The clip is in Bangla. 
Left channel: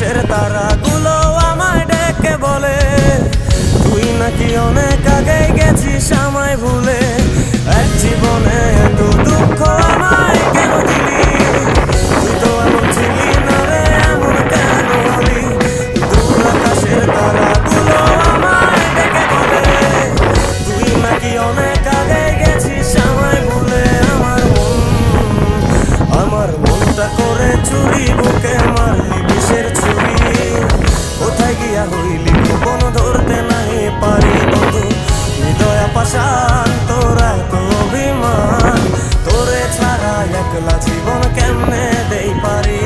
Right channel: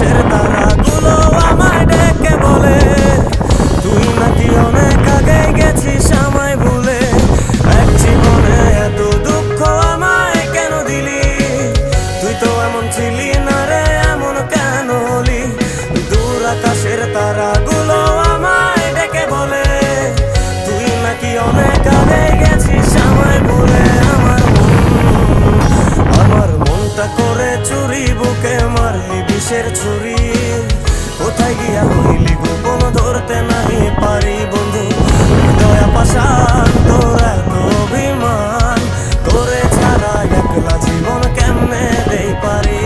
আকাশের তারাগুলো আমায় ডেকে বলে তুই নাকি অনেক আগে গেছিস আমায় ভুলে। এক জীবনে এত দুঃখ আমায় কেন দিলি, তুই তো এমন ছিলি না রে, এমন কেন হলি। দূর আকাশের তারাগুলো আমায় ডেকে বলে তুই নাকি অনেক আগে গেছিস আমায় ভুলে। আমার মনটা করে চুরি, বুকে মারলি বিষের ছুরি। কোথায় গিয়া হইলি গোপন ধরতে নাই পারি বন্ধু। হৃদয় পাষাণ তোর এত অভিমান, তোরে ছাড়া একলা জীবন কেমনে দেই পারি।